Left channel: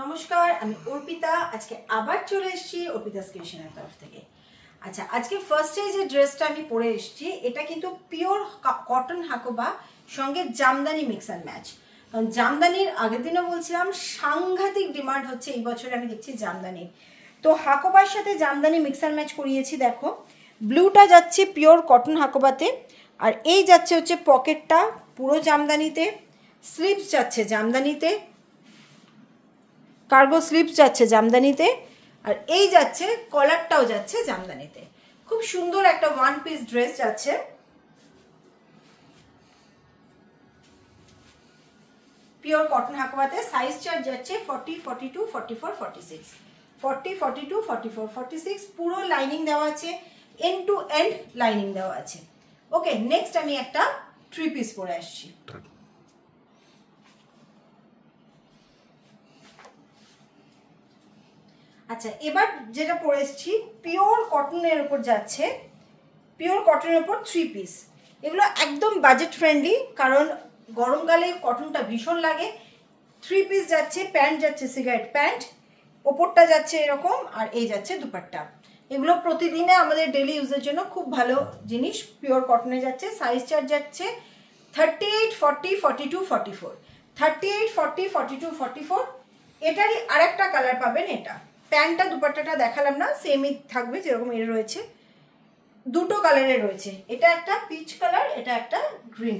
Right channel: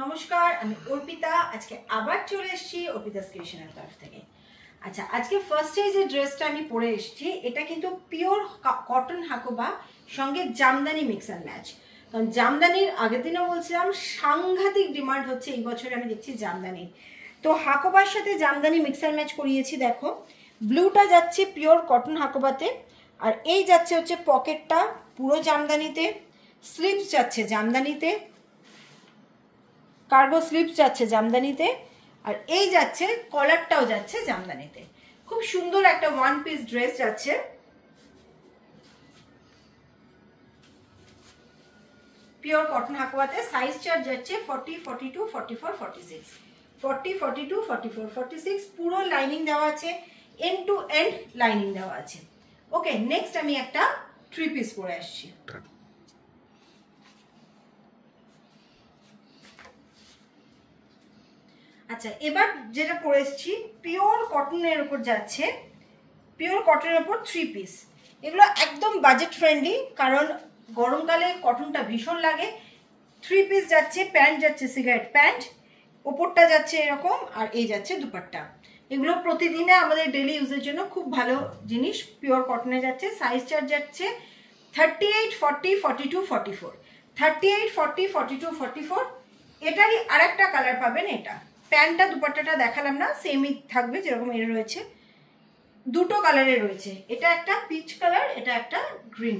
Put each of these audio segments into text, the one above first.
নমস্কার, আমি অর্পিতা। আজকে আবার চলে এসেছি অর্পিতাস ক্রিয়েশনের তরফ থেকে। আচ্ছা, আজকে ফার্স্টে যে ড্রেসটা আমি পরে এসেছি এটা কিন্তু পিওর কটন হাকোবা সঙ্গে জামদানি মিক্স অ্যান্ড ম্যাচ। কারণ জামদানির আগের দিনও বলছিলাম সাংঘাতিক ডিমান্ড হচ্ছে এই বছরে, আমি দেখছি জামদানির। তো হাকোবার সাথে জামদানি মিক্স অ্যান্ড ম্যাচ করিয়েছি। দেখো, ব্লুটা যাচ্ছে পিওর কটন হাকোবাতে, আর এই যাচ্ছে হচ্ছে পকেটটা পুরো জামদানিতে, স্লিভস যাচ্ছে জামদানিতে, কার্গো স্লিভস যাচ্ছে জামদানিতে, আর এই যাচ্ছে কলারটাও যাচ্ছে জামদানিতে। খুব সুন্দর একটা ওয়ান পিস ড্রেস যাচ্ছে। পিওর কটন হাকোয়াতে সাইজ চার্ট যাচ্ছে 40, 42, 44, 46, 40, 42, 44, 46। পুরো লাইনিং দেওয়া আছে, এন্ড টু এন্ড লাইনিং দেওয়া আছে। ওকে, নেক্সট আমি একটা থ্রি পিস পরে আসছি। আচ্ছা, এবার যেটা পরে এসেছি পিওর কটনের উপর যাচ্ছে, পিওর কটনের উপর থ্রি পিস। এগুলো একদম বাজেট ফ্রেন্ডলি, কারণ গরমকালে কটনটা ভীষণ লাগে। থ্রি পিস যাচ্ছে, প্যান্ট যাচ্ছে সিগারেট প্যান্ট, ওপরটা যাচ্ছে এরকম, আর এই যাচ্ছে দুপাট্টা। এগুলো প্রতিদিনে আমাদের ডেলি ইউজের জন্য খুব ভালো জিনিস। পিওর কটনে যাচ্ছে, সাইজ চার্ট যাচ্ছে 38, 40, 42, 44, 38, 40, 42, 44। এটারই আরেকটা কালার পাবেন। এটা প্যান্টটা দুপাট্টাটা দেখালাম না, সেমই থাকবে যেরকম এর রয়েছে। দুটো কালারে রয়েছে, এটা একটা পিচ কালার, এটা একটা গ্রিন।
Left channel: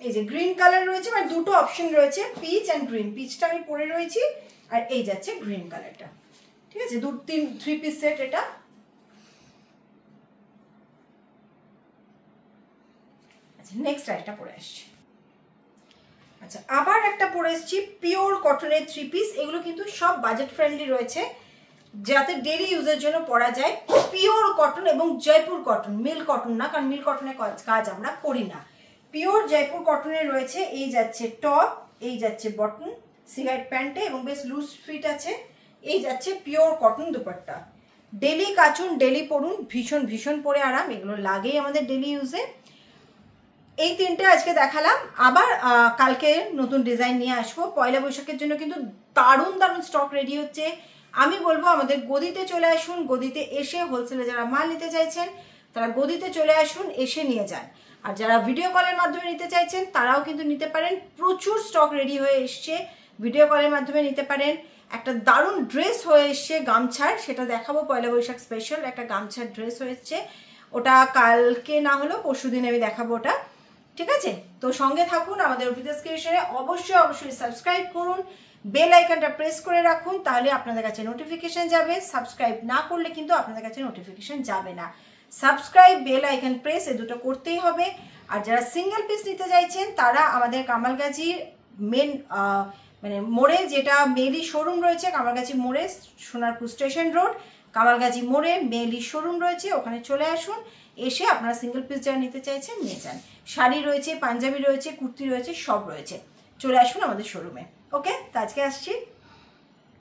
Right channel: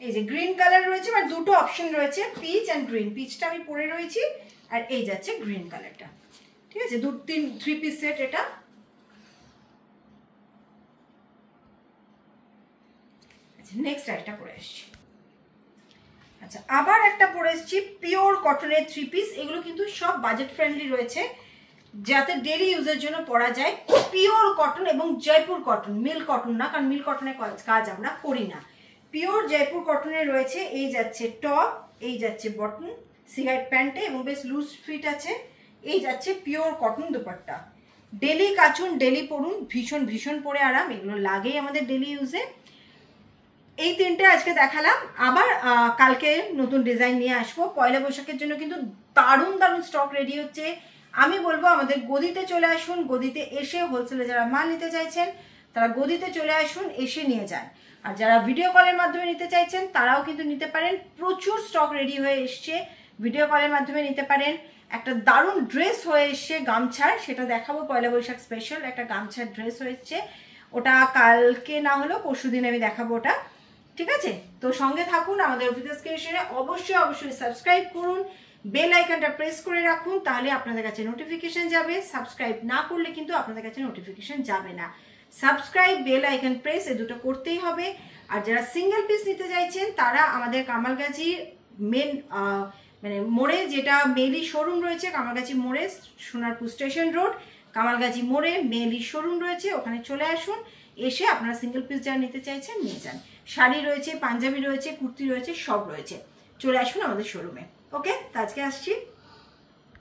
এই যে গ্রিন কালার রয়েছে, মানে দুটো অপশন রয়েছে, পিচ অ্যান্ড গ্রিন। পিচটা আমি পরে রয়েছি, আর এই যাচ্ছে গ্রিন কালারটা। ঠিক আছে, থ্রি পিস সেট এটা। আচ্ছা, নেক্সট একটা পরে আসছি। আচ্ছা, আবার একটা পরে এসেছি পিওর কটনের থ্রি পিস। এগুলো কিন্তু সব বাজেট ফ্রেন্ডলি রয়েছে, যাতে ডেলি ইউজের জন্য পরা যায়। পিওর কটন এবং জয়পুর কটন, মিল কটন না, কারণ মিল কটনের কাজ আমরা করি না। পিওর জয়পুর কটনের রয়েছে। এই যাচ্ছে টপ, এই যাচ্ছে বটন সিগারেট প্যান্টে, এবং বেশ লুজ ফিট আছে। এই যাচ্ছে পিওর কটন দুপাট্টা। ডেলি কাচুন, ডেলি পরুন, ভীষণ ভীষণ পরে আরাম। এগুলো লাগেই আমাদের ডেলি ইউজে। এই তিনটে আজকে দেখালাম, আবার কালকে নতুন ডিজাইন নিয়ে আসবো। পয়লা বৈশাখের জন্য কিন্তু দারুণ দারুণ স্টক রেডি হচ্ছে। আমি বলবো আমাদের গদিতে চলে আসুন। গদিতে এসে হোলসেলে যারা মাল নিতে চাইছেন তারা গদিতে চলে আসুন, এসে নিয়ে যান। আর যারা ভিডিও কলের মাধ্যমে নিতে চাইছেন তারাও কিন্তু নিতে পারেন। প্রচুর স্টক রেডি হয়ে এসছে, ভিডিও কলের মাধ্যমে নিতে পারেন। একটা দারুণ ড্রেস হয়ে এসছে গামছার, সেটা দেখাবো। পয়লা বৈশাখ স্পেশাল একটা গামছার ড্রেস হয়েছে, ওটা কালকে না হলেও পরশু দিন আমি দেখাবো ওটা। ঠিক আছে, তো সঙ্গে থাকুন আমাদের অর্পিতাস ক্রিয়েশনে। অবশ্যই অবশ্যই সাবস্ক্রাইব করুন, বেল আইকনটা প্রেস করে রাখুন, তাহলে আপনাদের কাছে নোটিফিকেশন যাবে। সাবস্ক্রাইব না করলে কিন্তু আপনাদের কাছে নোটিফিকেশন যাবে না। সাবস্ক্রাইব, বেল আইকন প্রেস, এই দুটো করতেই হবে। আর যারা সিঙ্গেল পিস নিতে চাইছেন তারা আমাদের কামালগাছির মেন মানে মোড়ে, যেটা মেলি শোরুম রয়েছে কামালগাছি মোড়ে, সোনারপুর স্টেশন রোড, কামালগাছি মোড়ে মেলি শোরুম রয়েছে, ওখানে চলে আসুন। এসে আপনারা সিঙ্গেল পিস যারা নিতে চাইছেন নিয়ে যান। শাড়ি রয়েছে, পাঞ্জাবি রয়েছে, কুর্তি রয়েছে, সব রয়েছে। চলে আসুন আমাদের শোরুমে। ওকে, তো আজকে আসছি।